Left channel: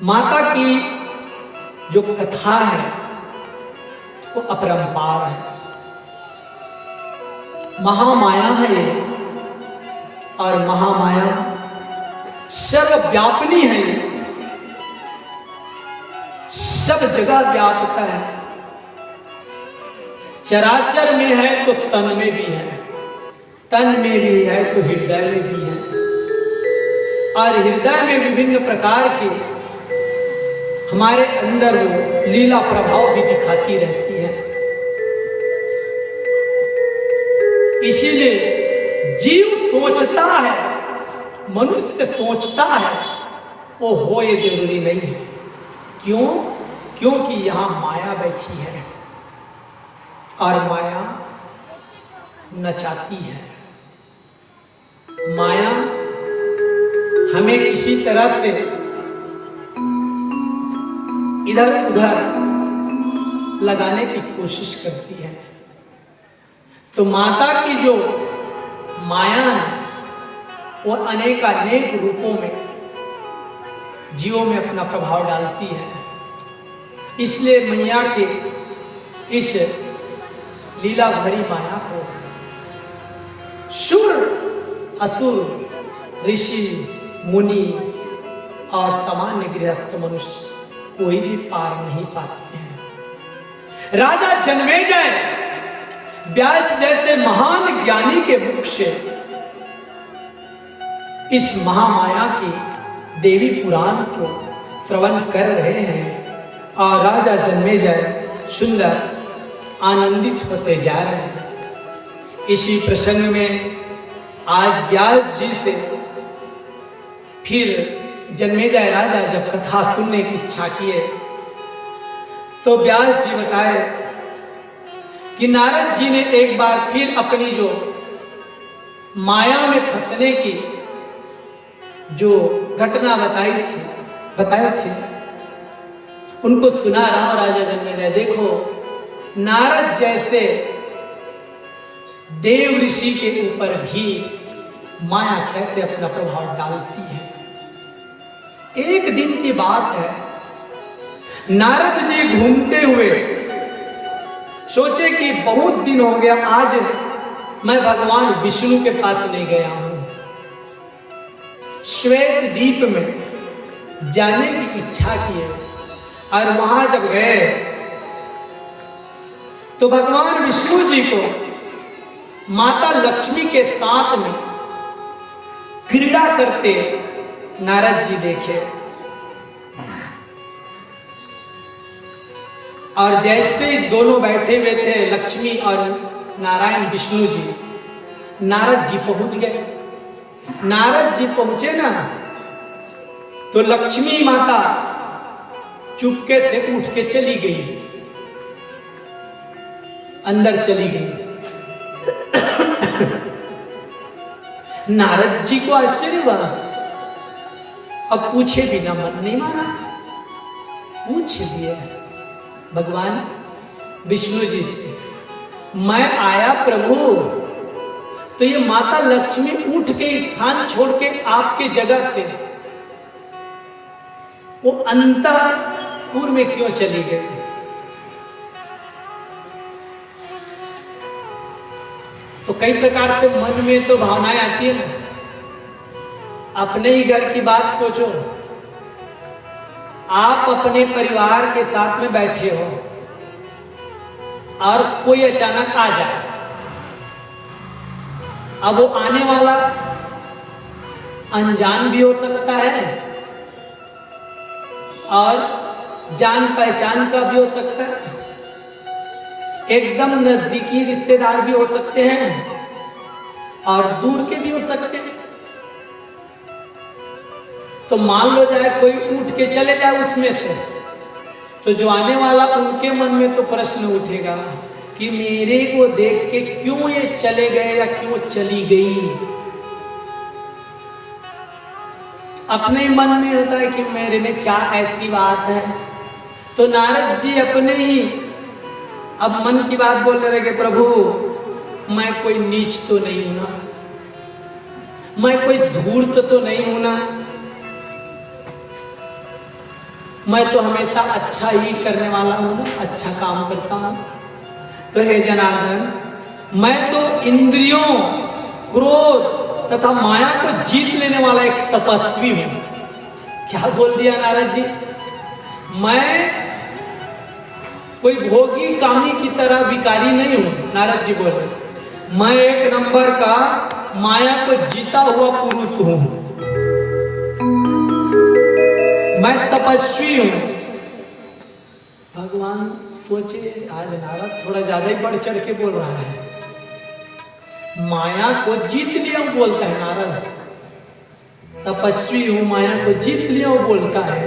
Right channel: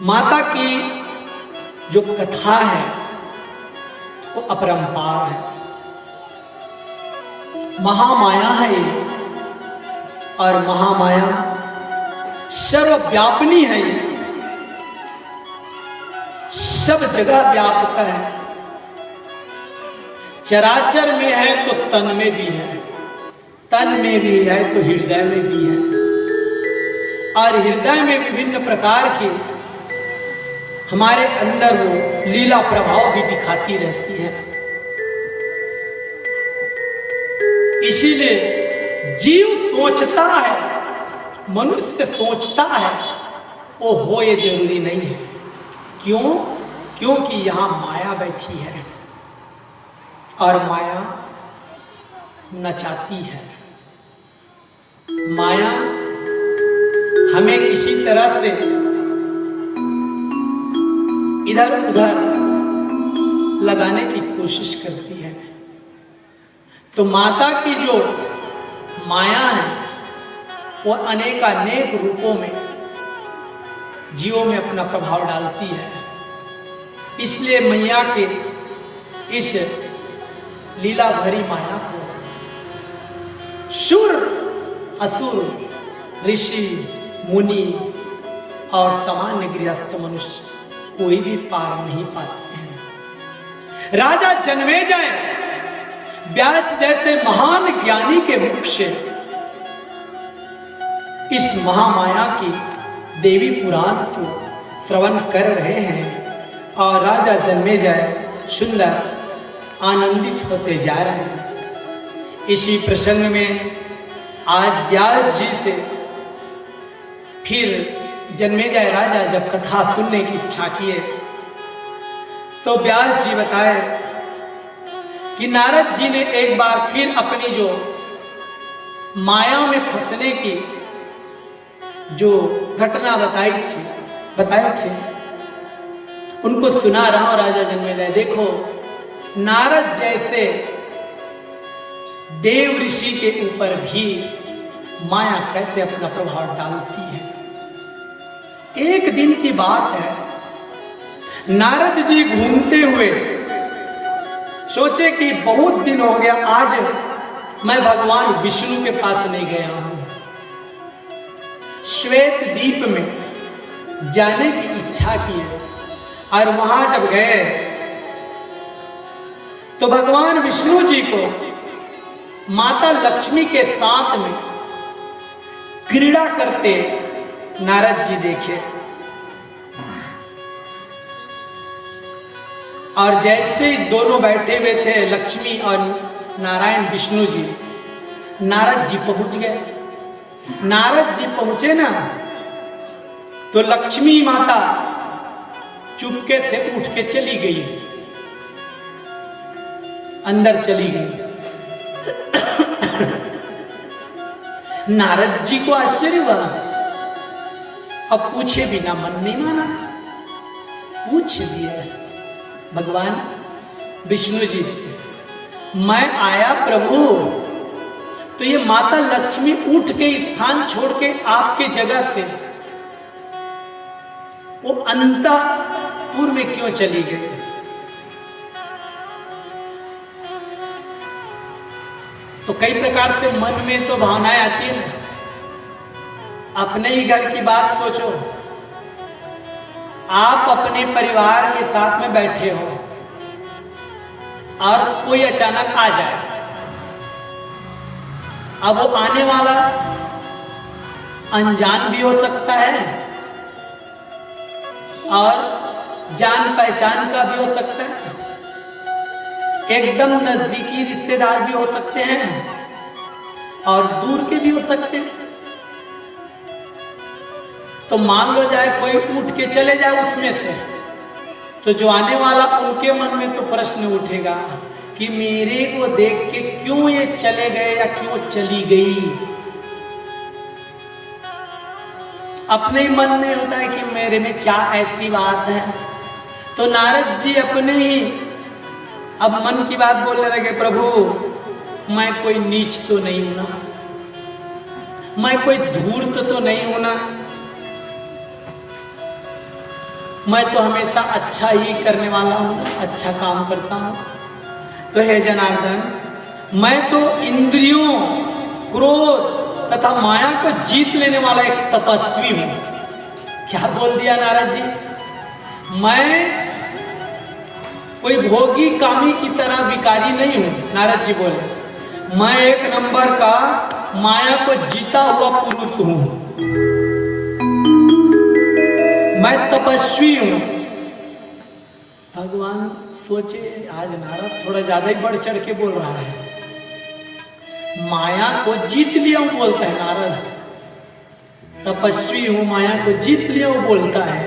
माता की जो कथा है वो अपरंपार है, महामाया है ये। और महामाया सर्वव्यापिनी है ये, सब जगह व्यापता है। चराचर में है तो तन में भी है, तन में भी है तो हृदय में भी है, और हृदय में विभिन्न प्रकार के हमारे अंदर वो लीला प्रभाव भी दिखाती रहती है। इसीलिए जीव सोचता है, मनुष्य सोचता है, वो हो ये जरूरी नहीं है। क्यों? क्योंकि यहां माया बैठी है और माया नचाती है। माया हमें किसी तरह से इधर उधर लगाने की कोशिश करती है। तो माता की जो माया है वो अनेकानेक रूपों में जीवों में अपना प्रभाव डालती है। इसलिए मैया के इस लीला भरी माया को सुर, असुर, ऋषि, मुनि और सामान्य गृहस्थ मनुष्य कोई भी पार नहीं पाते हैं। राजा जन्मेजय व्यास जैसे महान ज्ञानी के मुख से इस महामाया की देवी पुराण को श्रवण कर रहे हैं और राजा जन्मेजय सुंदर आनंदित होते जा रहे हैं। इसी प्रसंग में आज व्यास जी से फिर जन्मेजय राजा जब कथा सुनने की इच्छा किए तो व्यास जी बताए कि नारद जी ने एक बार फिर अपनी जो माया में फंसने की जो घटना बताए थे उनको सुना रहा हूं। राजा जन्मेजय देखो, नारद जैसे देव ऋषि के ऊपर भी माया कैसे अपना प्रभाव डालती है। एक दिन की बात है, नारद जी घूमते हुए सोचे कि बहुत दिन हो गया, आज मैं भगवान विष्णु के पास नहीं गया हूं। श्वेत द्वीप में जाने की इच्छा की है और वहां जब गए तो भगवान विष्णु जी को माता लक्ष्मी के साथ में क्रीड़ा करते नारद जी देखे। और जैसे ही दोनों बैठे हुए थे, लक्ष्मी और नारायण विष्णु जी, नारद जी पहुंच गए। नारद जी पहुंचे ना तो लक्ष्मी माता चुपके से उठ के चली गई, अंदर चली गई। नारद जी को आश्चर्य हुआ, अब पूछे बिना मन नहीं माना, पूछ लिए भगवान विष्णु जी से, मैं आया प्रभु तो ये माता लक्ष्मी उठ के स्थान छोड़ के आपके जगह से वो अंतःपुर में क्यों चली गई? तो कई प्रकार से मन में तो भावनाएं आती है ना। अपने ही घर की बात सोचो, आप अपने परिवार के साथ में बैठे हो और कोई अचानक आ जाए। अब वो आने वाला अनजान भी हो सकता है और जान पहचान का भी हो सकता है, एकदम नजदीकी रिश्तेदार भी हो सकते हैं और दूर के भी हो सकते हैं। तो मान लो जाए कोई उठ के चले जाए उसमें से, तो जो आने वाला उनके मन में तो प्रश्न उठेगा कि मेरे को देख के क्यों ये चले गए या क्यों चली गई। अपने ही मन में होता है कि मेरे में क्या ऐसी बात है। तो नारद जी अपने ही अब मन की बात बोलने लगे, प्रभु मैं कोई नीच तो नहीं हूं ना, मैं कोई धूर्त तो नहीं हूं ना, मैं तो हमेशा अच्छा ही करने वाला हूँ, अच्छा काम करता हूँ। तो हे जनार्दन, मैं तो इंद्रियों, क्रोध तथा माया को जीत लेने वाला एक तपस्वी हूँ। क्या बोल दिया नारद जी? मैं कोई भोगी कामी की तरह विकारी नहीं हूँ। नारद जी बोले, मैं एक नंबर का माया को जीता हुआ पुरुष हूँ, मैं तपस्वी हूँ। भगवान सोचे, आज नारद थोड़ा ज्यादा ही बढ़ चढ़ के बोल रहा है। माया को जीत लिया हूं बोलता है नारद, तपस्वी हूं, माया को जीत लिया हूं बोलता है।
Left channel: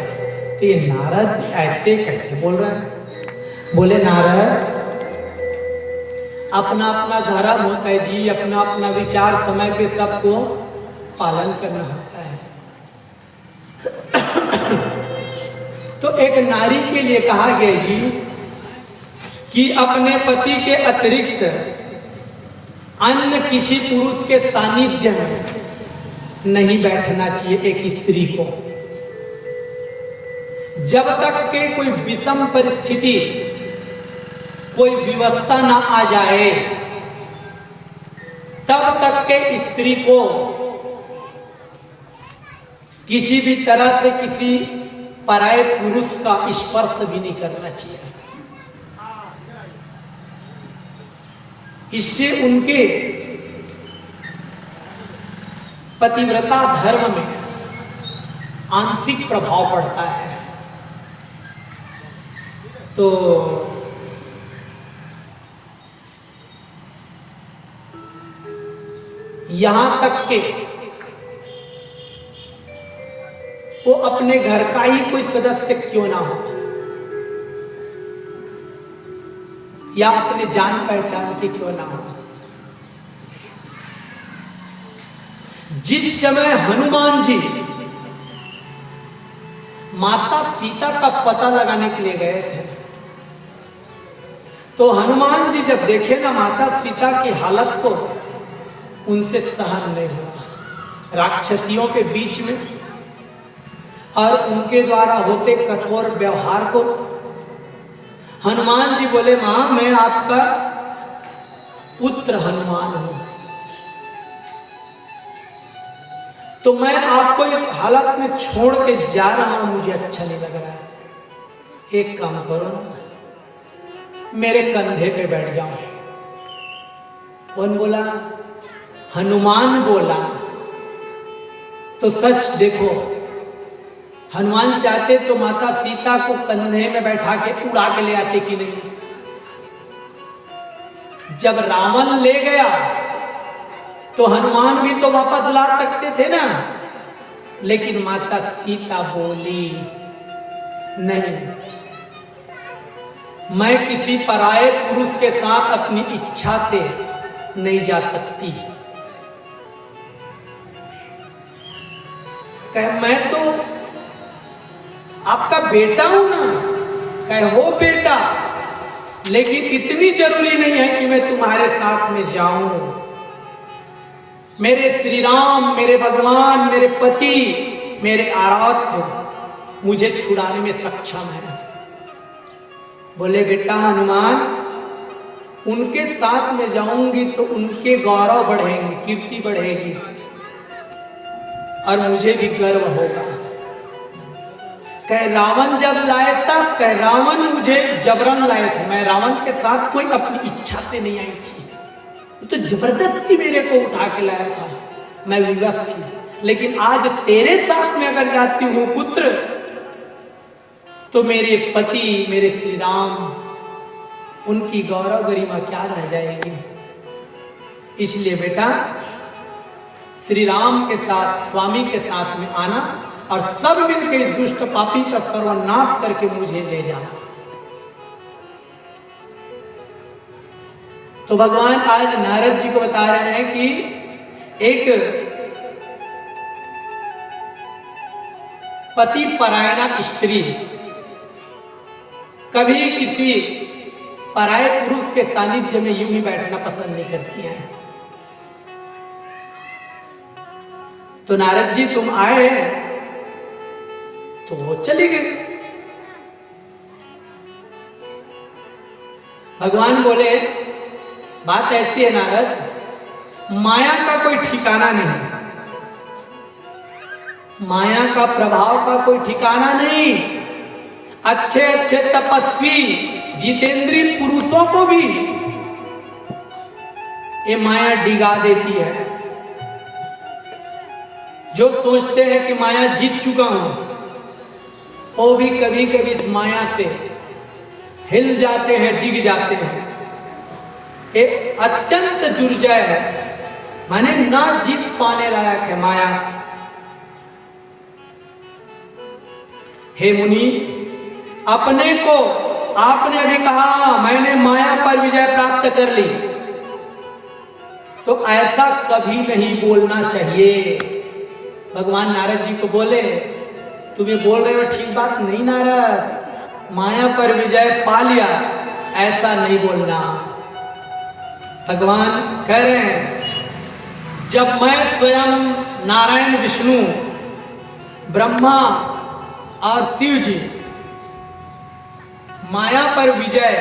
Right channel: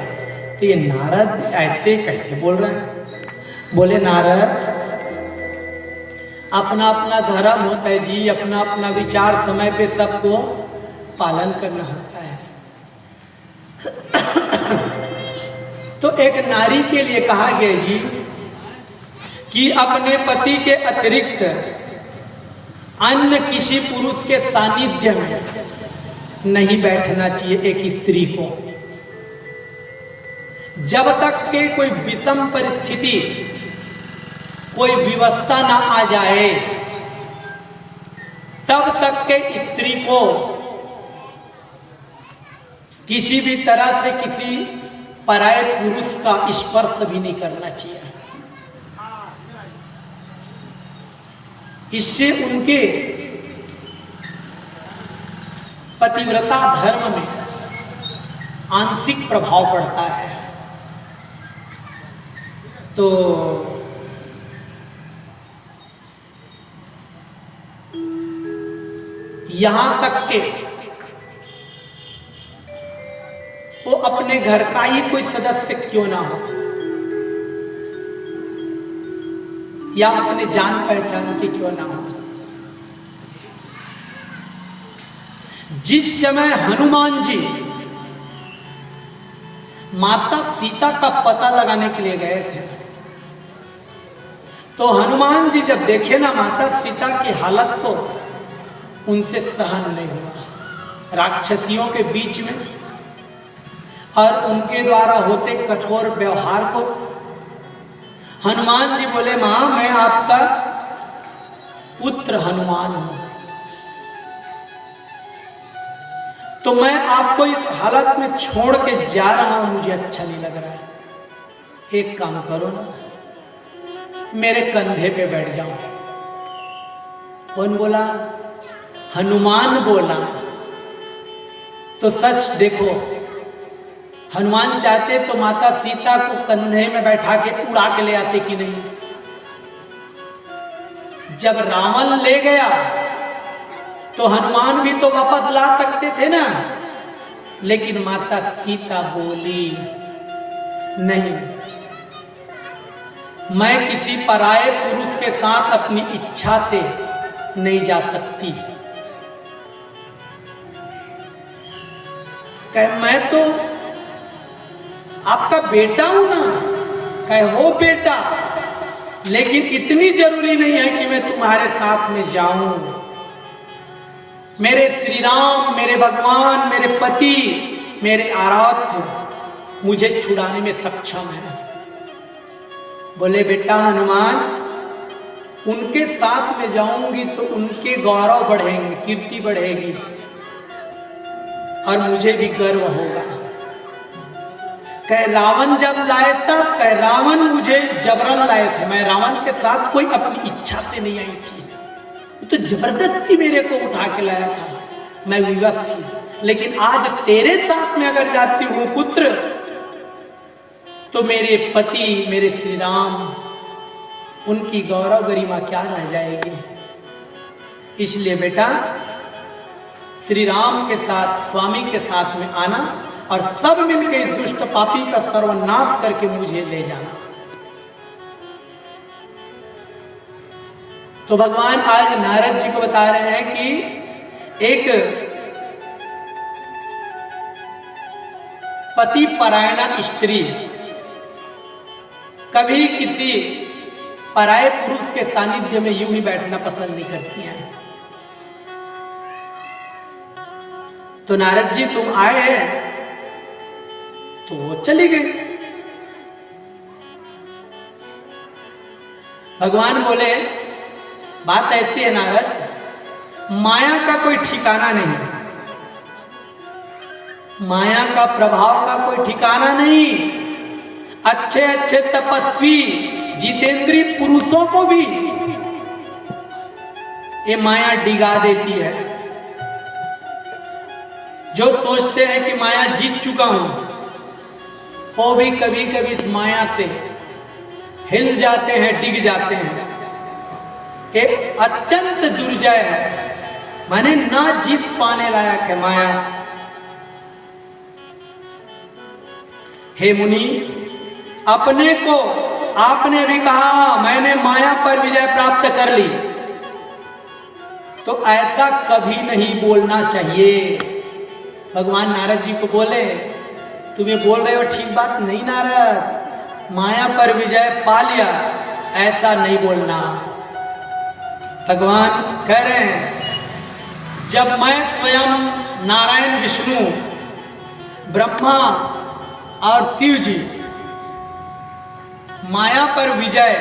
तो ये नारद ऐसे कैसे बोल रहा है? बोले नारद, अपना अपना धर्म होता है जी, अपना अपना विचार समय पे सबको पालन करना होता है। तो एक नारी के लिए कहा गया जी कि अपने पति के अतिरिक्त अन्य किसी पुरुष के सानिध्य में नहीं बैठना चाहिए एक स्त्री को। जब तक के कोई विषम परिस्थिति, कोई व्यवस्था ना आ जाए, तब तक के स्त्री को किसी भी तरह से किसी पराये पुरुष का स्पर्श भी नहीं करना चाहिए। इससे उनके पतिव्रता धर्म में आंशिक प्रभाव पड़ता है। तो यहां तक के वो अपने घर का ही कोई सदस्य क्यों ना हो, या अपने जान पहचान के क्यों ना हो। जिस समय हनुमान जी माता सीता का पता लगाने के लिए गए थे, तो हनुमान जी जब देखे ना माता सीता की हालत को, उनसे सहन नहीं हुआ। राक्षसियों के बीच में और उनके द्वारा होते कठोर व्यवहार को हनुमान जी बोले, मां मैं आपका पुत्र हनुमान हूं, तो मैं आपको इस हालत में छोड़ के जा रहा हूं, मुझे अच्छा नहीं लग रहा है। एक काम करो ना, मेरे कंधे पे बैठ जाओ। कौन बोला? हनुमान बोला। तो सच देखो, हनुमान चाहते तो माता सीता को कंधे में बैठा के उड़ा के ले आते कि नहीं? जब रावण ले गया तो हनुमान भी तो वापस ला सकते थे ना, लेकिन माता सीता बोली नहीं, मैं किसी पराये पुरुष के साथ अपनी इच्छा से नहीं जा सकती। मैं तो आपका बेटा हूं ना। कहे हो बेटा, लेकिन इतनी जरूरी नहीं है कि मैं तुम्हारे साथ में जाऊं। मेरे श्री राम, मेरे भगवान, मेरे पति, मेरे आराध्य मुझे छुड़ाने में सक्षम है। बोले बेटा हनुमान, उनके साथ में जाऊंगी तो उनके गौरव बढ़ेंगे, कीर्ति बढ़ेगी और मुझे भी गर्व होगा। कह रावण जब लाए तब, कह रावण मुझे जबरन लाए थे, मैं रावण के साथ कोई अपनी इच्छा से नहीं आई थी, तो जबरदस्ती मेरे को उठा के लाया था, मैं विवश थी। लेकिन आज तेरे साथ में अगर जाती हूँ पुत्र, तो मेरे पति, मेरे श्री राम, उनकी गौरव गरिमा क्या रह जाएगी। इसलिए बेटा श्री राम के साथ, स्वामी के साथ में आना और सब मिलकर दुष्ट पापी का सर्वनाश करके मुझे ले जाना। तो भगवान आज नारद जी को बता रहे हैं कि एक पति परायणा स्त्री कभी किसी पराये पुरुष के सानिध्य में यूं ही बैठना पसंद नहीं करती हैं। तो नारद जी तुम आए हैं तो वो चली गई। भगवान बोले बात ऐसी है नारद, माया का कोई ठिकाना नहीं, माया का प्रभाव का कोई ठिकाना नहीं। अच्छे अच्छे तपस्वी जितेंद्रीय पुरुषों को भी ये माया डिगा देती है। जो सोचते हैं कि माया जीत चुका हूं, वो भी कभी कभी इस माया से हिल जाते हैं, डिग जाते हैं। ये अत्यंत दुर्जय है, माने ना जीत पाने लायक है माया। हे मुनि, अपने को आपने भी कहा मैंने माया पर विजय प्राप्त कर ली, तो ऐसा कभी नहीं बोलना चाहिए। भगवान नारद जी को बोले तुम्हें बोल रहे हो ठीक बात नहीं नारद, माया पर विजय पा लिया, ऐसा नहीं बोलना। भगवान कह रहे हैं जब मैं स्वयं नारायण, विष्णु, ब्रह्मा और शिव जी माया पर विजय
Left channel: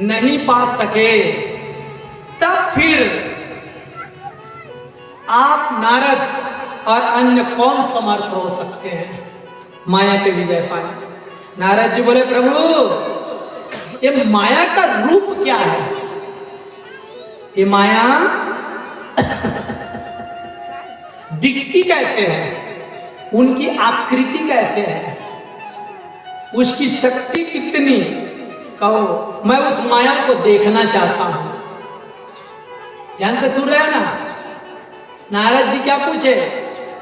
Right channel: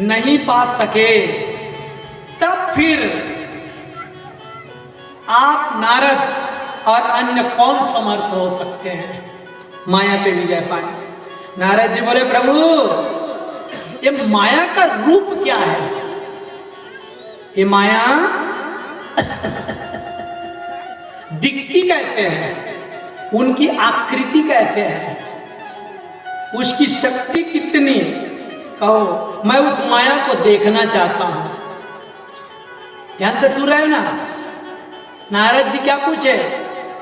नहीं पा सके, तब फिर आप नारद और अन्य कौन समर्थ हो सकते हैं माया पे विजय पाए। नारद जी बोले प्रभु ये माया का रूप क्या है, ये माया दिखती कैसे है, उनकी आकृति कैसे है, उसकी शक्ति कितनी, कहो मैं उस माया को देखना चाहता हूं। ध्यान से सुन रहे हो ना, नारद जी क्या पूछे,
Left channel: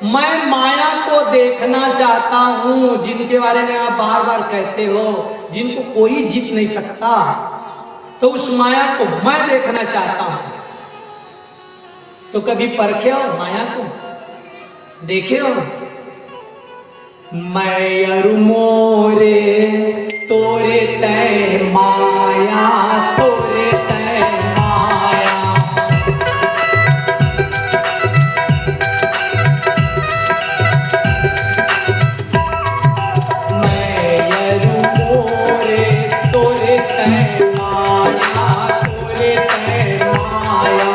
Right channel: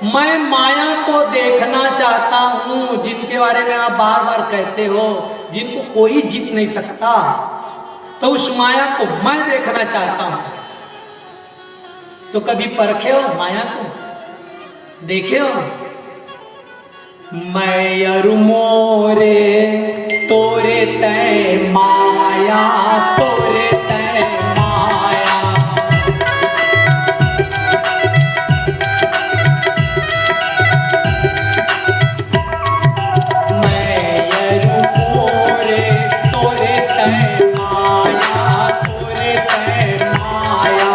मैं माया को देखना चाहता हूं, जिनके बारे में आप बार बार कहते हो जिनको कोई जीत नहीं सकता, तो उस माया को मैं देखना चाहता हूं। तो कभी परखे हो माया को, देखे हो? मैं अरु मोरे तोरे तय माया, तोरे तय माया, मैं अरु मोरे तोरे तय माया, तोरे तय माया।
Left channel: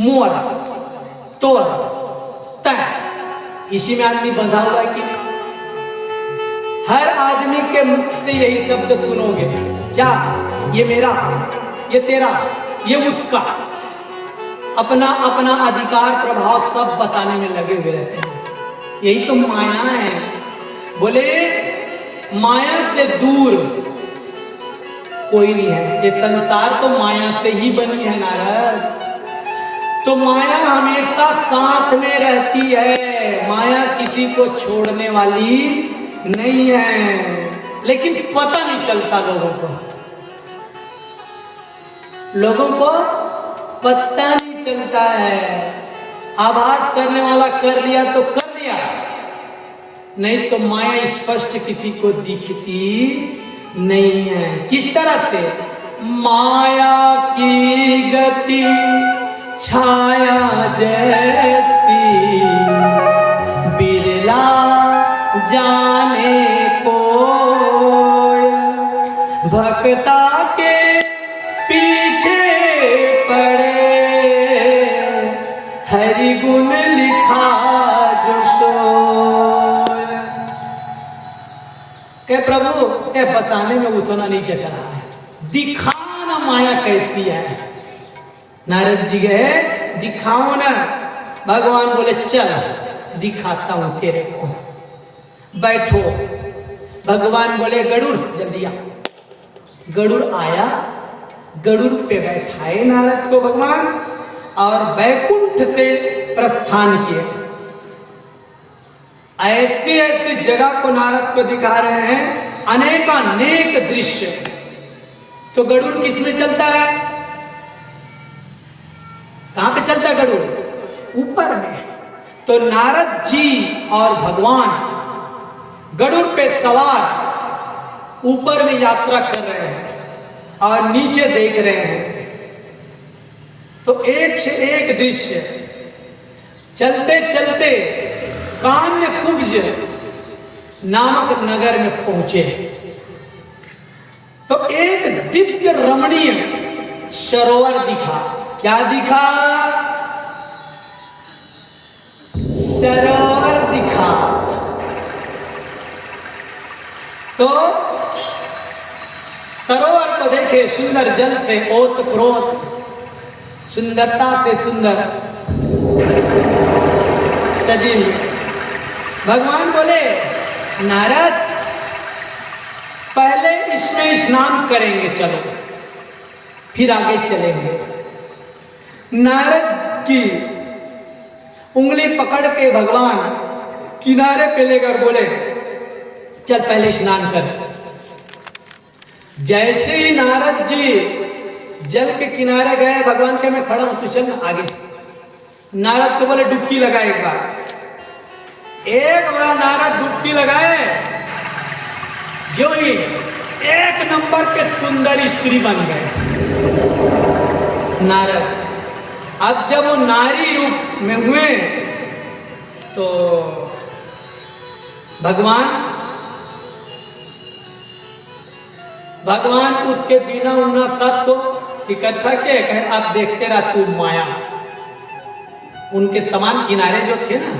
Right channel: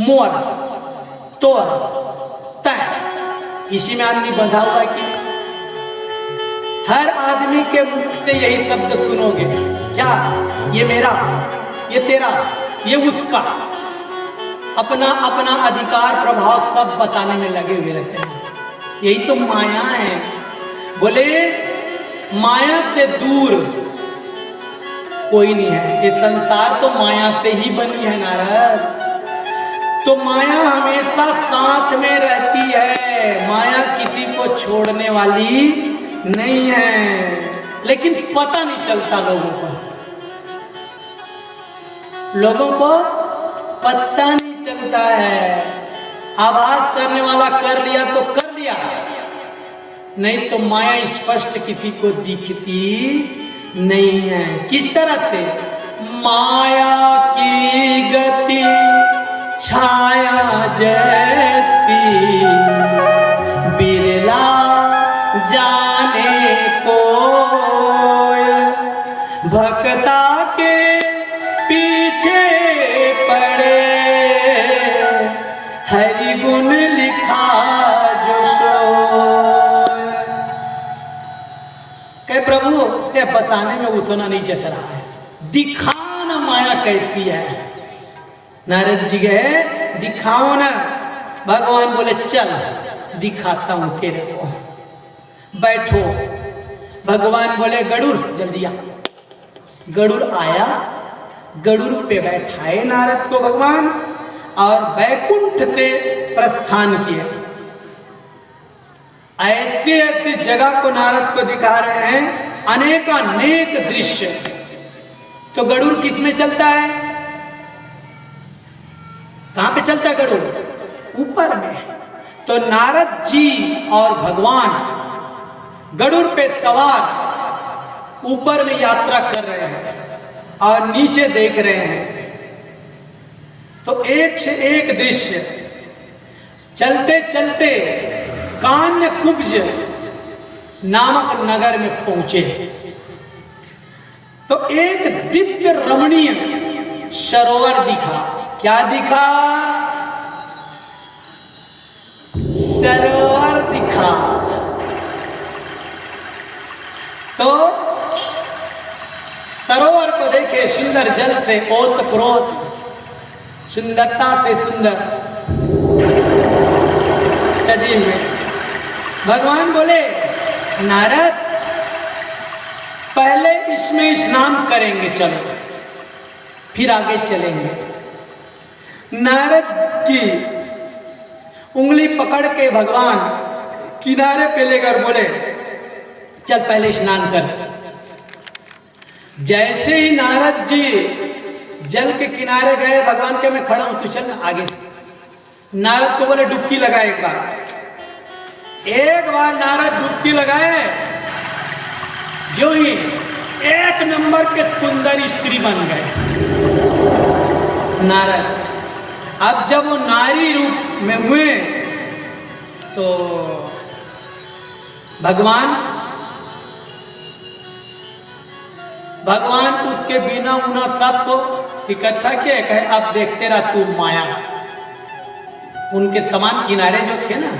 मोर, तोर, तय, इसी में आदमी बंधा हुआ है कि हर आदमी के मुख से यही शब्द सुनोगे, क्या ये मेरा, ये तेरा, ये उसका, अपना अपना अधिकार प्रभाव सब बताने में लगे हुए रहते हैं। यही तो माया है। बोले माया से दूर कोई नहीं है, ये संसार तो माया से ही बनी है नारद। तो माया हमेशा साथ में रहती है, माया किसी को छोड़ने वाली नहीं है, लेकिन पता नहीं चलता लोगों को, लोगों को पता नहीं चलता है। आभास करने वाला कर लिया तो कर लिया, नहीं तो माया स्पष्ट किसी को दिखती नहीं है। किस तरह से? माया की गति छाया जैसी, बिरला जाने को, भक्ता के पीछे पड़े, हरि गुण लिखा जो सोय। कहे प्रभु ये बताने में उतना नहीं जच रहा है, दिखाना माया कैसी है। नारद जी गए दिखाओ ना, भगवान बोले चल दिखाता हूं तेरे को, बैठो। भगवान बोले गरुड़ जल्दी आ, गरुड़ आया, गरुड़ पे बैठाए नारद को भगवान और बैकुंठ से प्रस्थान किए। ऐसी ऐसी जगह को नारद को दिखा रहे हैं, अनेकानेक दृश्य। तो गरुड़ किस में चलता है? कहां पे चलता है गरुड़? ऊपर में। तो नारद जी और भगवान गरुड़ पे सवार ऊपर में यात्रा कर रहे हैं और नीचे देख रहे हैं। तो एक से एक दृश्य। चलते चलते कान्यकुब्ज नामक नगर में पहुंचे तो एक दिव्य रमणीय सरोवर दिखा। क्या दिखा? सरोवर दिखा। तो सरोवर को देखे, सुंदर जल से ओतप्रोत, सुंदरता से सुंदर सजी हुए। भगवान बोले, नारद पहले इसमें स्नान करेंगे, चलो फिर आगे चलेंगे। नारद की उंगली पकड़ के भगवान किनारे पे लेकर बोले, चल पहले स्नान कर। जैसे ही नारद जी जल के किनारे गए, भगवान के मैं खड़ा हूं, तू चल ना आगे। नारद को बोले डुबकी लगा एक बार। एक बार नारद डुबकी लगाए, जो ही एक नंबर के सुंदर स्त्री बन गए नारद। अब जब वो नारी रूप में हुए तो भगवान उसके बिना उना सबको इकट्ठा किए, कहे आप देखते रहा तू माया। उनके समान किनारे जो थे ना,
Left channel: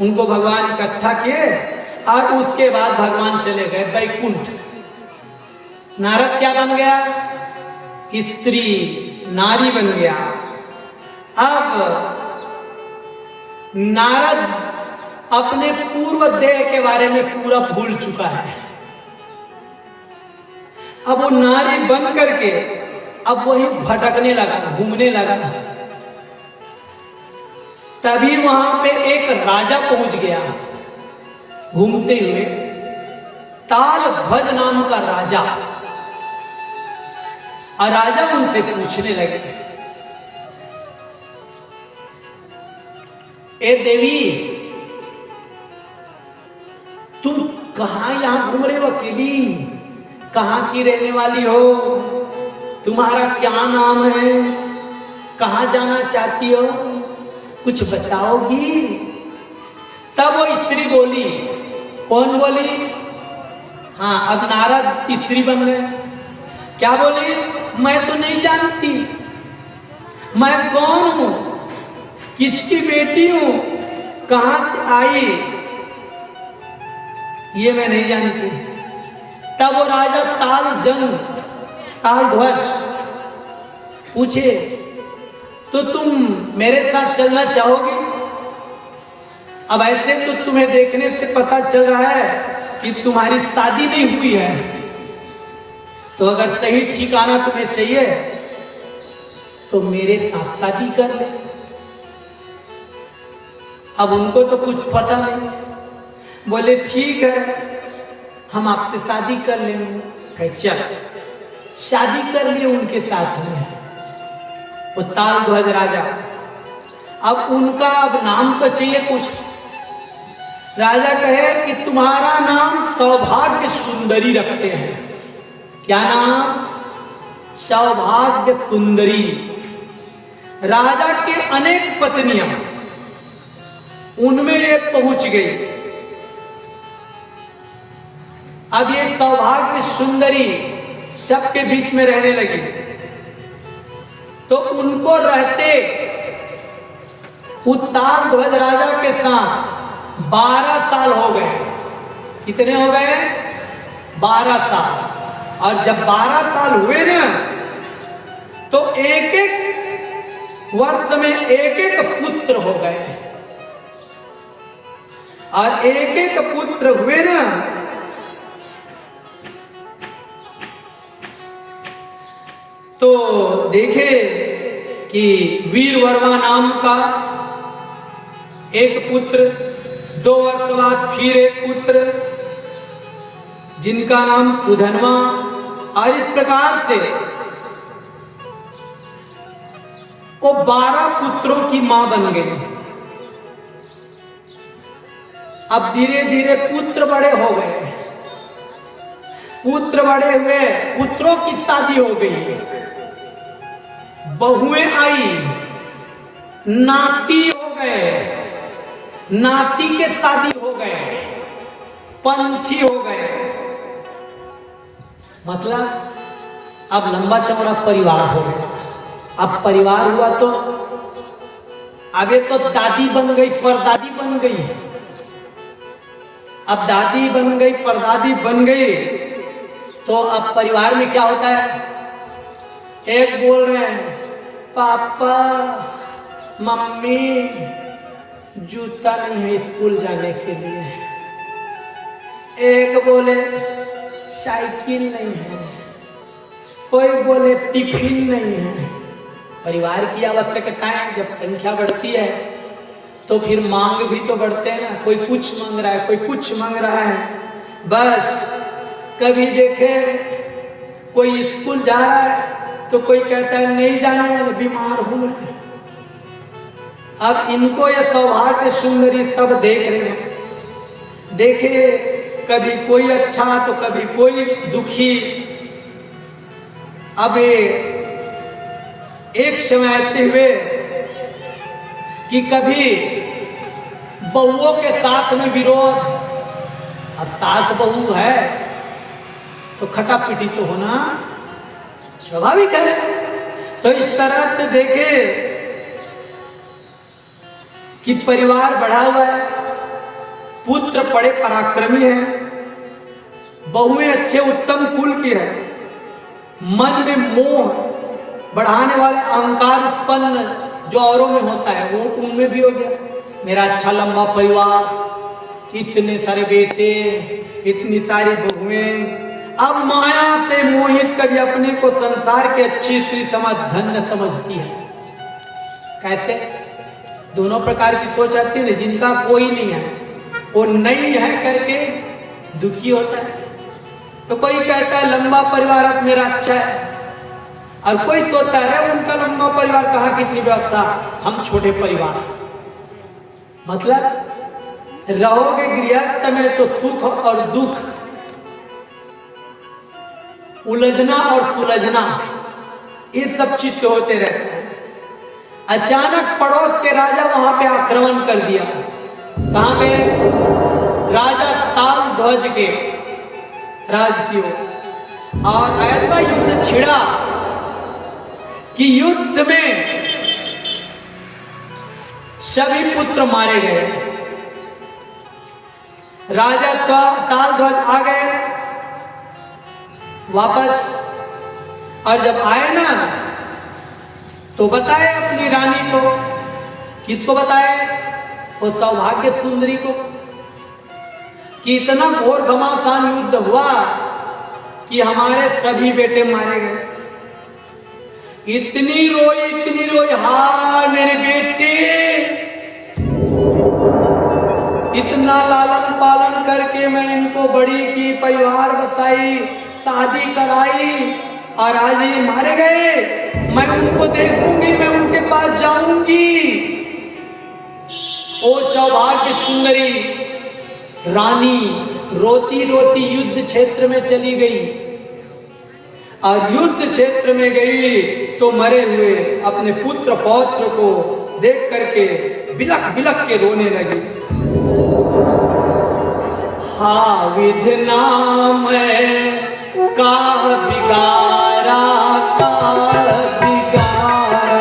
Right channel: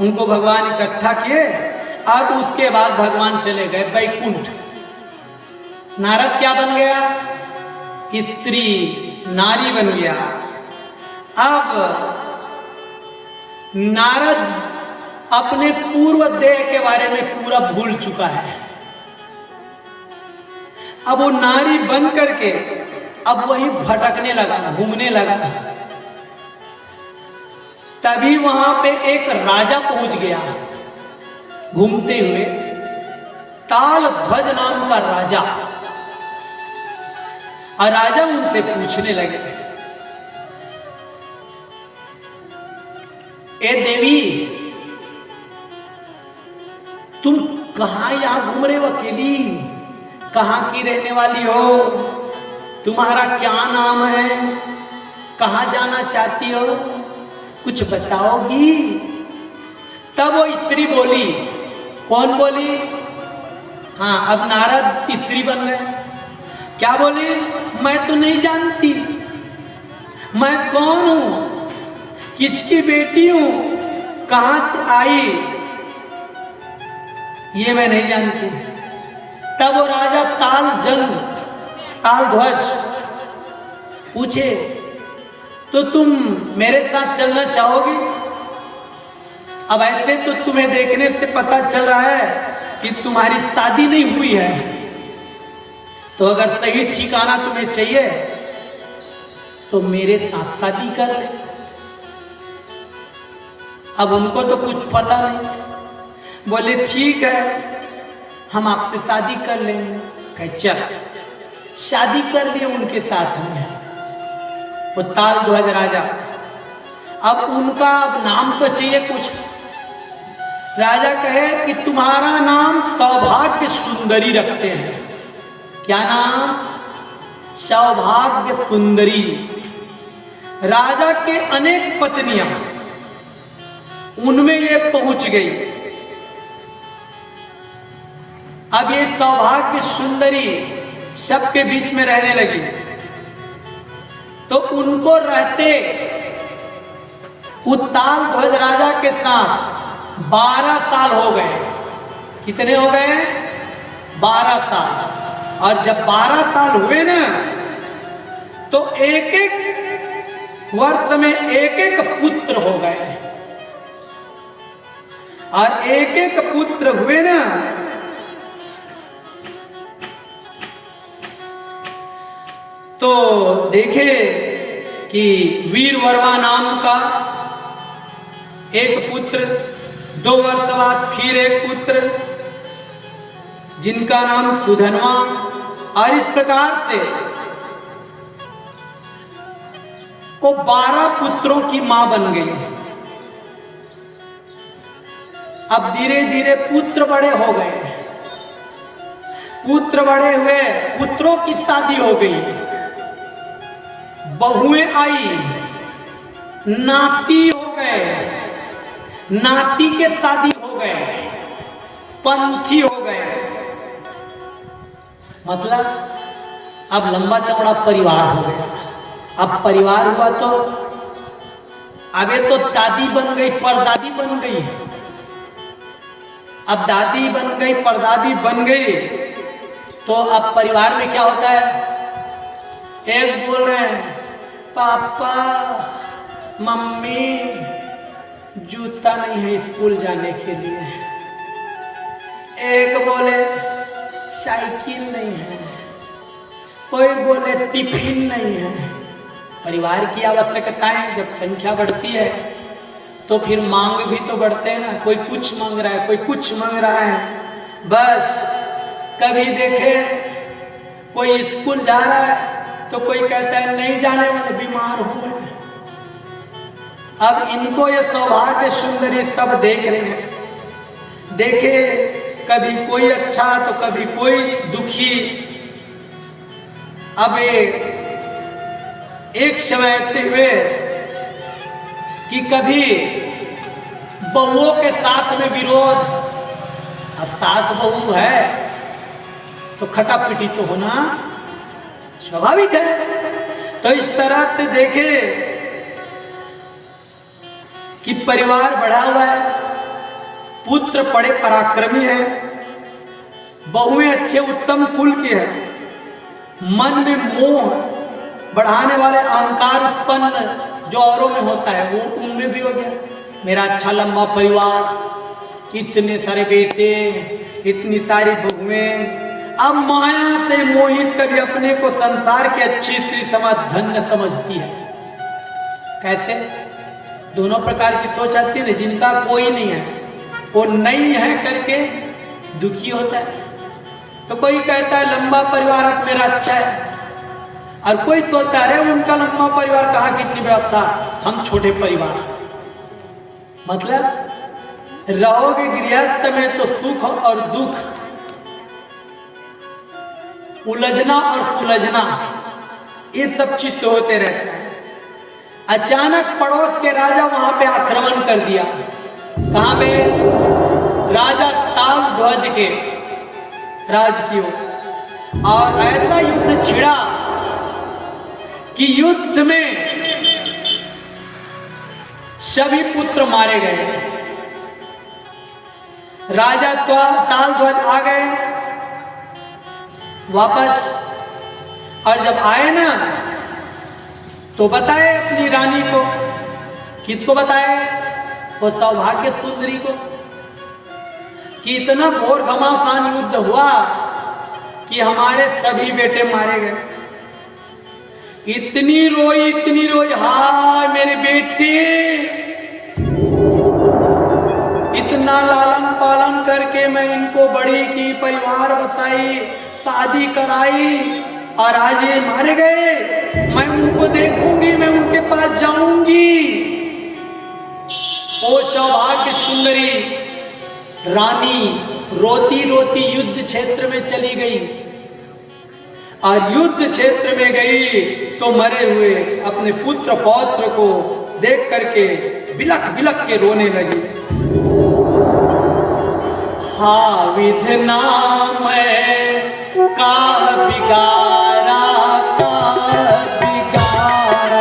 उनको भगवान इकट्ठा किए और उसके बाद भगवान चले गए बैकुंठ। नारद क्या बन गया? स्त्री, नारी बन गया। अब नारद अपने पूर्व देह के बारे में पूरा भूल चुका है। अब वो नारी बन करके अब वही भटकने लगा, घूमने लगा। तभी वहां पे एक राजा पहुंच गया घूमते हुए, तालध्वज नाम का राजा। और राजा उनसे पूछने लगे, ए देवी, तुम कहां यहां घूम रहे हो अकेली? कहां की रहने वाली हो? तुम्हारा क्या नाम है? कहां जाना चाहती हो? कुछ बताओगी? तब वो स्त्री बोली। कौन बोली? हाँ, अब नारद स्त्री बन गए। क्या बोली? मैं तो नहीं जानती, मैं कौन हूं, किसकी बेटी हूं, कहां से आई, ये मैं नहीं जानती। तब वो राजा तालध्वज पूछे, तो तुम मेरे साथ चलना चाहोगे? अब ऐसे तो तुम्हें देखने से पता चल रहा है कि तुम्हारी शादी नहीं हुई है, तो अगर सही ठिकाना तुम्हें चाहिए तो मेरे साथ शादी कर ले। अब उनको तो कुछ पता नहीं, बोले ठीक है, हम आपसे शादी कर लेंगे। कहे चल। शादी कर लिए उनके साथ में वो तालध्वज राजा। अब उनका अब नाम तो चाहिए कुछ। राजा कहे कि तुम्हारा नाम सौभाग्य सुंदरी रखते हैं। क्या नाम? सौभाग्य सुंदरी। राजा के अनेक पत्नियां, उनमें ये पहुंच गई। अब ये सौभाग्य सुंदरी सबके बीच में रहने लगी। तो उनको रहते तालध्वज राजा के साथ 12 साल हो गए। कितने हो गए? 12 साल। और जब 12 साल हुए ना, तो एक एक वर्ष में एक एक पुत्र हो गए। और एक एक पुत्र हुए ना, तो देखे कि वीरवर्मा नाम का एक पुत्र, 2 वर्ष बाद फिर एक पुत्र जिनका नाम सुधनवा, और इस प्रकार से वो 12 पुत्रों की मां बन गई। अब धीरे धीरे पुत्र बड़े हो गए, पुत्र बड़े हुए, पुत्रों की शादी हो गई, बहुएं आई, नाती हो गए, नाती के शादी हो गए, पंथी हो गए। मतलब अब लंबा चौड़ा परिवार हो गया। अब परिवार हुआ तो अब ये तो दादी बन गई, परदादी बन गई। अब दादी बन गई, परदादी बन गई, तो अब परिवार में क्या होता है? एक बोल रहे हैं पापा मम्मी जूता नहीं है स्कूल जाने के लिए, एक बोले साइकिल नहीं है, कोई बोले टिफिन नहीं है। परिवार की आवश्यकताएं जब संख्या बढ़ती है तो फिर मांग भी तो बढ़ते हैं ना। कोई कुछ मांग रहा है, कोई कुछ मांग रहा है। बस कभी देखे कोई स्कूल जा रहा है तो कोई कहता है नहीं जाने वाले, बीमार हूं मैं। अब इनको ये सौभाग्य सुंदरी सब देख रहे हैं, देखे कभी कोई अच्छा तो कभी कोई दुखी। अब एक समय ऐसे हुए कि कभी बहुओं के साथ में विरोध। अब सास बहू है तो खटापिटी तो होना स्वाभाविक है। तो इस तरह से देखे कि परिवार बढ़ा हुआ है, पुत्र बड़े पराक्रमी है, बहुएं अच्छे उत्तम कुल की है, मन में मोह बढ़ाने वाले अहंकार उत्पन्न जो औरों में होता है वो उनमें भी हो गया। मेरा अच्छा लंबा परिवार, इतने सारे बेटे, इतनी सारी बहुएं। अब माया से मोहित कभी अपने को संसार की अच्छी स्त्री समझ धन्य समझती है। कैसे? दोनों प्रकार की सोच आती है। जिनका कोई नहीं है वो नहीं है करके दुखी होता है, तो कोई कहता है लंबा परिवार अब मेरा अच्छा है, और कोई सोचता है उनका लंबा परिवार कहाँ कितनी व्यवस्था, हम छोटे परिवार। मतलब रहोगे गृहस्थ में तो सुख और दुख, उलझना और सुलझना, ये सब चीज तो होते रहता है। अचानक पड़ोस के राजा वहां पे आक्रमण कर दिया। कहां पे? राजा ताल ध्वज के राज की ओर। और ऐसा युद्ध छिड़ा कि युद्ध में सभी पुत्र मारे गए। राजा ताल ध्वज आ गए वापस, और जब आए ना तो बताए अपनी रानी को। किसको बताए? वो सौभाग्य सुंदरी को, कि इतना घोर घमासान युद्ध हुआ कि हमारे सभी बेटे मारे गए। इतनी रोई, हाय मेरे बेटे। इतना लालन पालन करके मैं इनको बड़ी की, परिवार बसाई, शादी कराई, और आज ये मारे गए। मैं उनको देखूंगी, मैं उनके पास जाऊंगी। ओ सौभाग्य सुंदरी रानी रोती रोती युद्ध क्षेत्र में चली गई, और युद्ध क्षेत्र में गई तो मरे हुए अपने पुत्र पौत्र को देख करके बिलक बिलक के रोने लगी। हाँ विधना मैं का बिगारा, का बिगारा।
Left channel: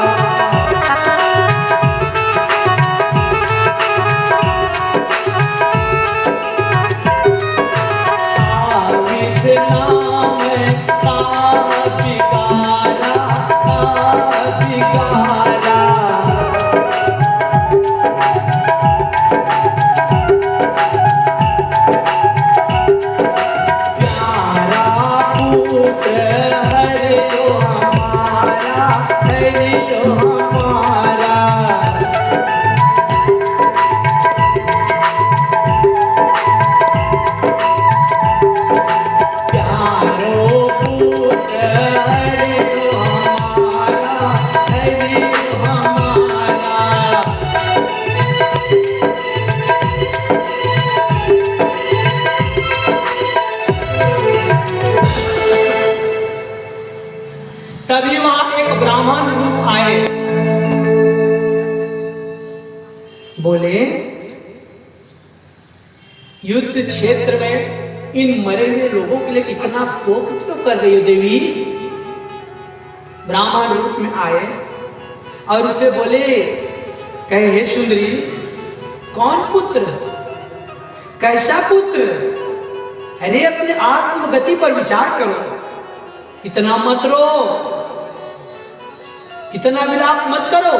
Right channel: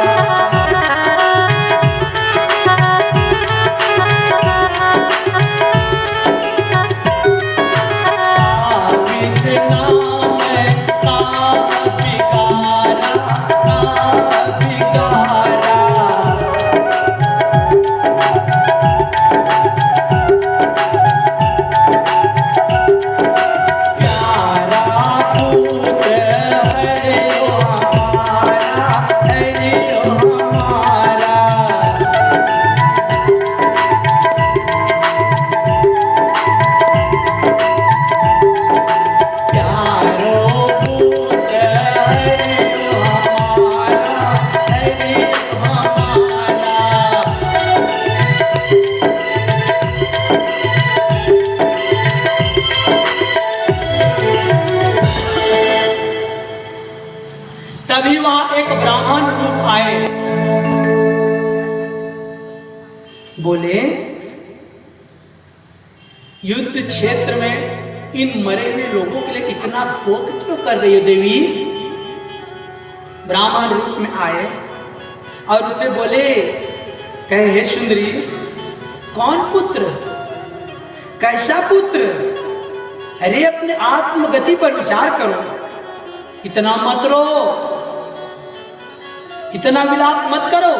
हाँ विधना मैं का बिगारा, का बिगारा। प्यारा पुत्र एक ब्राह्मण रूप आए, बोले युद्ध क्षेत्र में इन मरे हुए लोगों के लिए इतना शोक क्यों कर रही हो देवी? ब्राह्मण रूप में आए और उसे बोले, कहे हे सुंदरी, कौन पुत्र, कैसा पुत्र? अरे अपने आत्मगति पर विचार करो, इतना मत रो, इतना विलाप मत करो।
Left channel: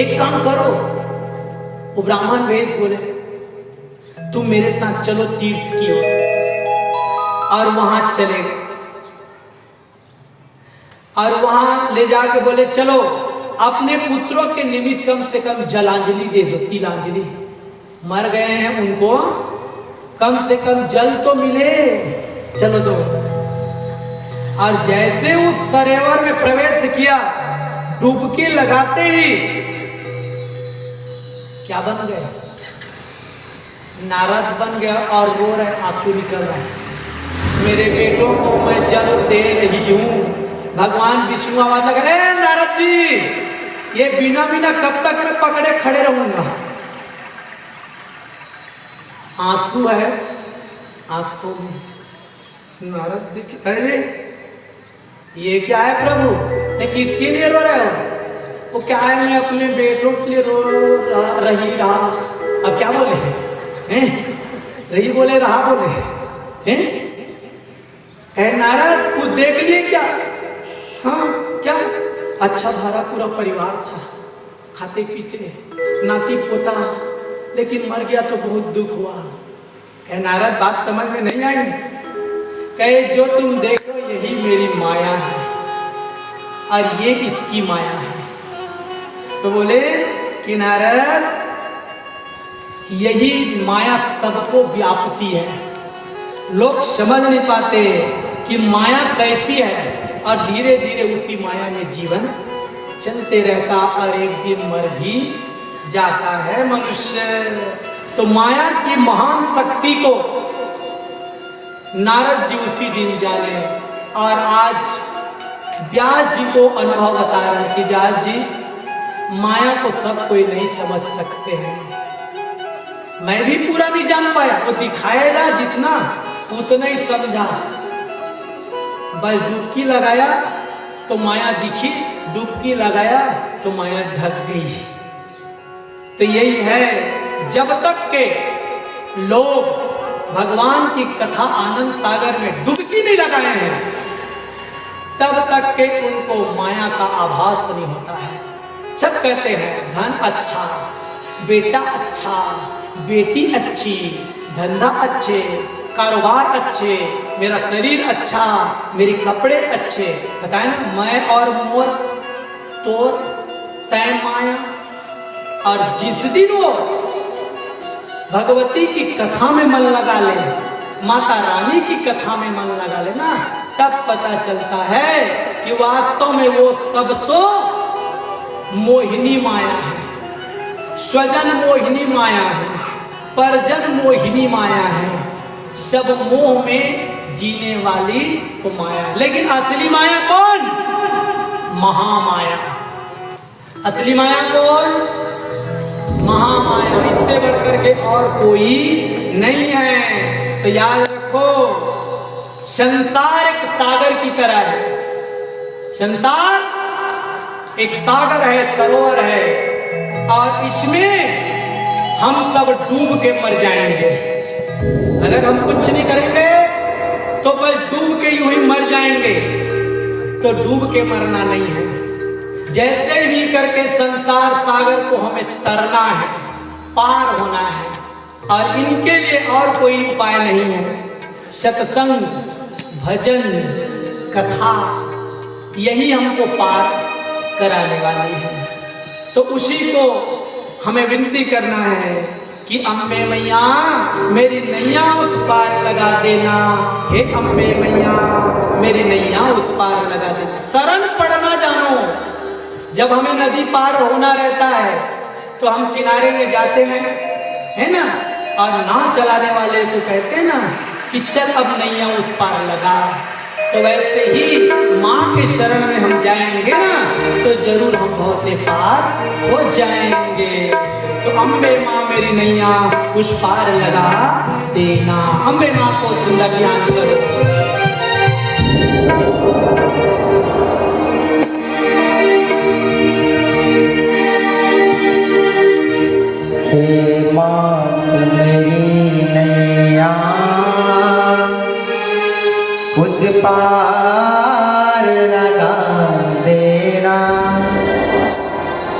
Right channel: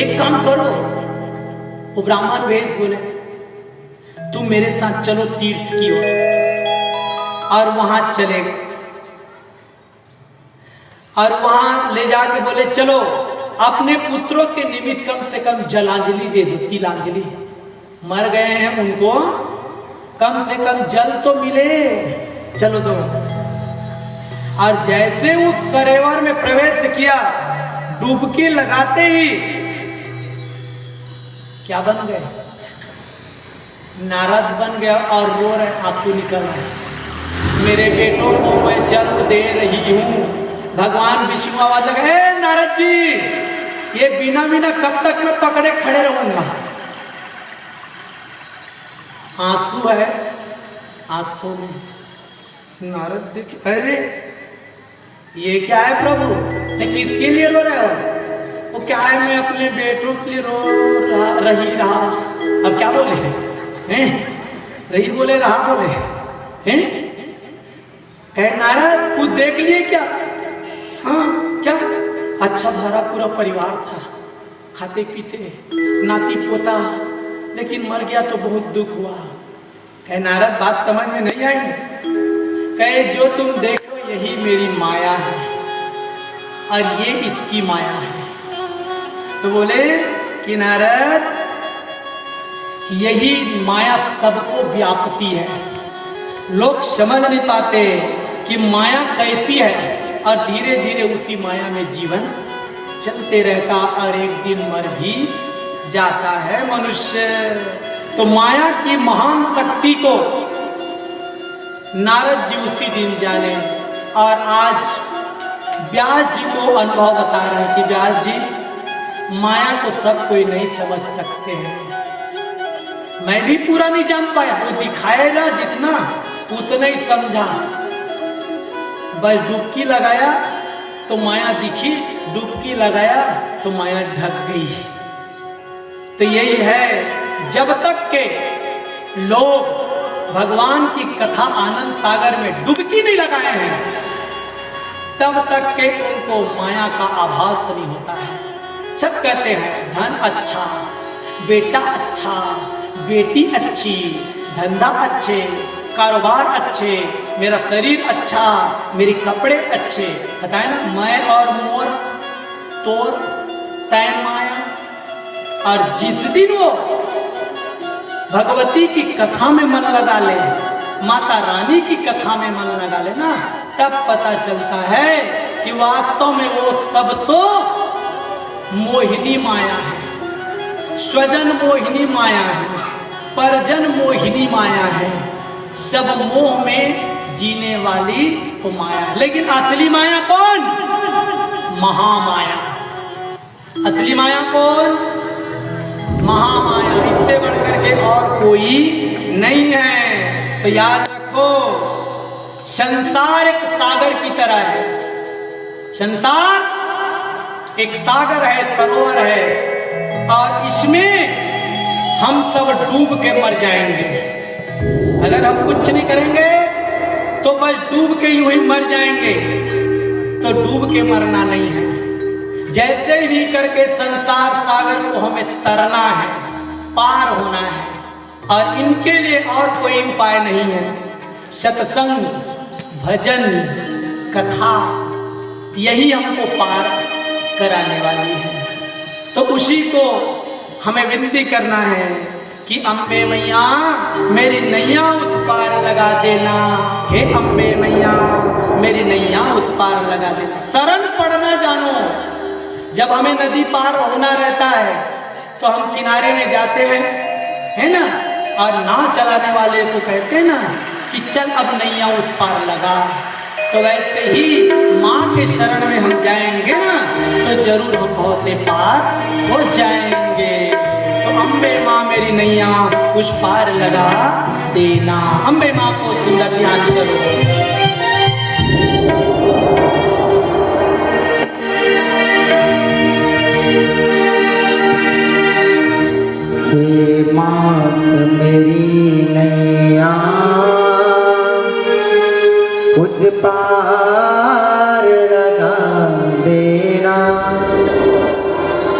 एक काम करो, वो ब्राह्मण वेद बोले, तुम मेरे साथ चलो तीर्थ की ओर, और वहां चले गए और वहां ले जाके बोले चलो अपने पुत्रों के निमित्त कम से कम जलांजलि दे दो, तिलांजलि, मर गए हैं उनको कम से कम जल तो मिले, चलो दो। और जैसे उस सरोवर में प्रवेश किया, डुबकी लगाते ही क्या बन गए? नारद बन गया और रो रहे, आंसू निकल रहे, मेरे बेटों को मैं जल दे रही हूं। भगवान विष्णु आवाज लगा, ए नारद जी, ये बिना बिना कब तक मैं पकड़े खड़े रहूंगा? आंसू है आंखों में। नारद देखिए, अरे ये क्या है प्रभु, ने किसके लिए रो रहे हो? वो क्या है, मैं अपने बेटों के लिए रो रहा। अब क्या बोले हैं? रही बोले रहा बोले हैं? कहे नारद कुछ देख लिए क्या? हाँ क्या? अच्छा भरा पूरा परिवार था, खाते पीते, नाती पोता, लेकिन मर गया तो बहुत दुख हुआ। कहे नारद बात समझ में नहीं आई? कहे जो तुम देखो यही मेरी माया है और ये इसकी माया है। तो बोले कि नारद यही माया सबको व्यापती है, लोग समझ नहीं पाते कि माया कैसी है और धीरे धीरे उसी माया में जीवन चलते रहता और एक दिन मर भी जाता है मनुष्य। तो माया की महान शक्ति को नारद जी उसी दिन जाने और आज व्यास जी को अनुभव बता रहे हैं कि व्यास जी माया को सब कोई नहीं समझ सकते हैं। मैं भी पूरा नहीं जान पाया, वो दिखाएगा जितना उतना ही समझा। बस डुबकी लगाया तो माया दिखी, डुबकी लगाया तो माया ढक गई। तो यही है, जब तक के लोग भगवान की कथा आनंद सागर में डुबकी नहीं लगाए हैं, तब तक के उनको माया का आभास नहीं होता है। सब कहते हैं धन अच्छा, बेटा अच्छा, बेटी अच्छी, धंधा अच्छे, कारोबार अच्छे, मेरा शरीर अच्छा, मेरे कपड़े अच्छे, पता है ना, मैं और मोर तोर तय माया। और जिस दिन वो भगवती की कथा में मन लगा ले, माता रानी की कथा में मन लगा ले ना, तब पता चलता है कि वास्तव में वो सब तो मोहिनी माया है, स्वजन मोहिनी माया है, परजन मोहिनी माया है, सब मोह में जीने वाली वो माया है। लेकिन असली माया कौन? महामाया। असली माया कौन? महामाया। इससे बढ़कर के और कोई नहीं है। तो याद रखो, संसार एक सागर की तरह है। संसार एक सागर है, सरोवर है, और इसमें हम सब डूब के मर जाएंगे। अगर हम कुछ नहीं करेंगे तो बस डूब के यूं ही मर जाएंगे। तो डूब के मरना नहीं है, जैसे भी करके संसार सागर को हमें तरना है, पार होना है, और इनके लिए और कोई उपाय नहीं है। सत्संग, भजन, कथा, यही हमको पार कराने वाली है। तो उसी को हमें विनती करना है कि अम्बे मैया मेरी नैया उस पार लगा देना। हे अम्बे मैया मेरी नैया उस पार लगा देना। शरण पड़ना जानो। जब हमें नदी पार होना रहता है तो हम किनारे में जाते हैं, है ना, और नाव चलाने वाले को कहते हैं ना कि चल अब नैया उस पार लगा। तो वैसे ही माँ के शरण में हम जाएंगे ना तो जरूर हम भव से पार हो जाएंगे। तो अम्बे माँ मेरी नैया उस पार लगा देना। अम्बे माँ को जिंदा ध्यान करो। उस पार लगा देना।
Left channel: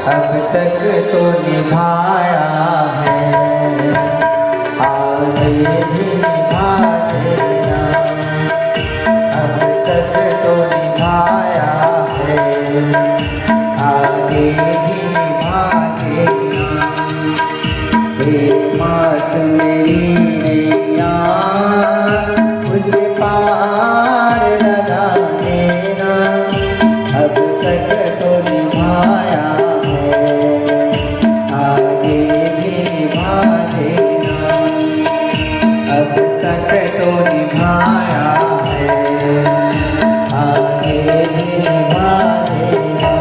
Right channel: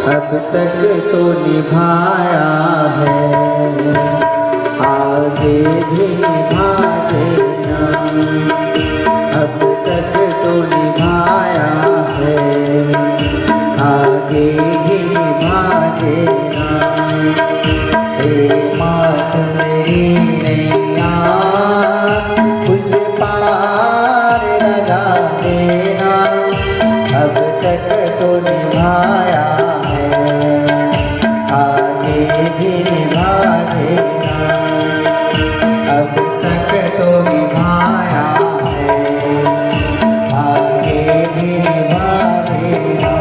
अब तक तो निभाया है, आगे भी निभा देना। अब तक तो निभाया है, आगे भी निभा देना। हे मात मेरी नैया उस पार लगा देना। अब तक तो निभाया है, आगे भी निभा देना। अब तक तो निभाया है, आगे भी निभा देना।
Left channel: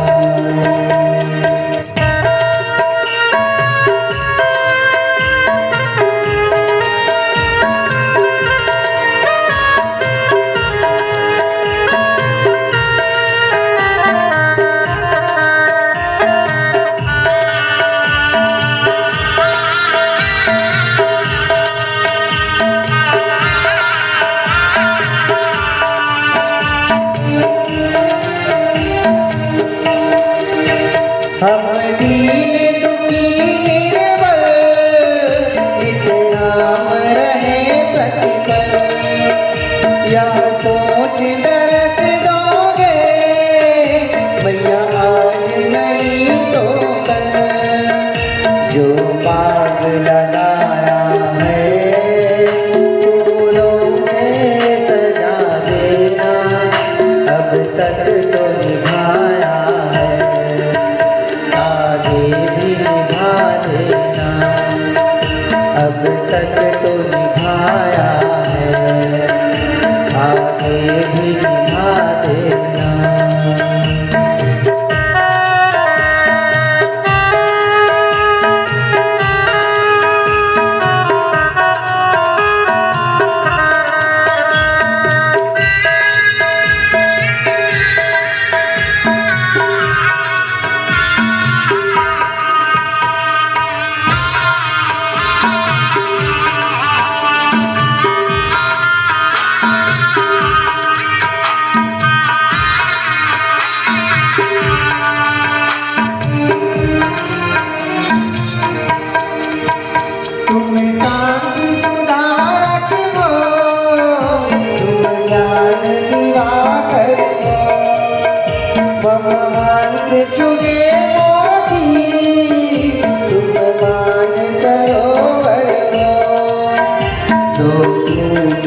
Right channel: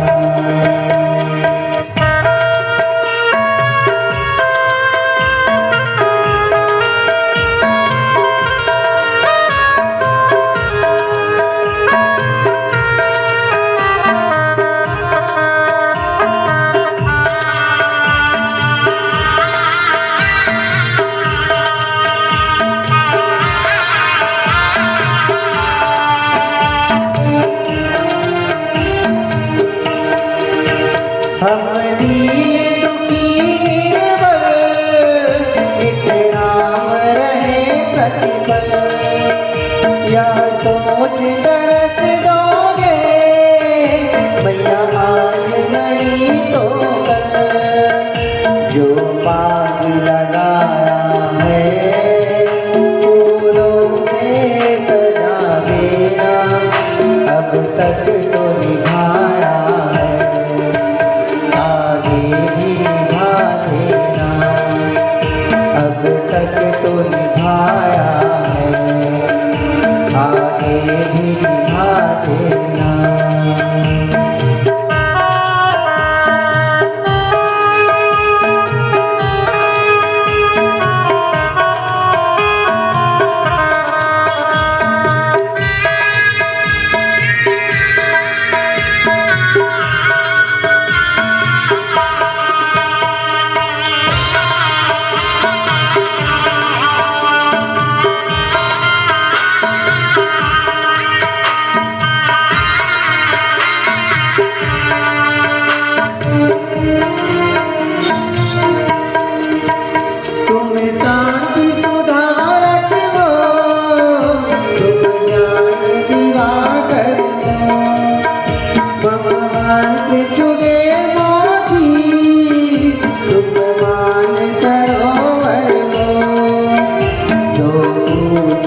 हम दीन दुखी निर्बल, नित नाम रहे प्रतिपल। यह सोच दरस दोगे मैया आज नहीं तो कल। जो बाग लगाया है फूलों से सजा देना। अब तक तो निभाया है, आगे भी निभा देना। अब तक तो निभाया है, आगे भी निभा देना। तुम शांति सुधारक हो, तुम ज्ञान दिवाकर हो। भगवान से चुने मोती, तुम मान सरोवर हो। जो दूध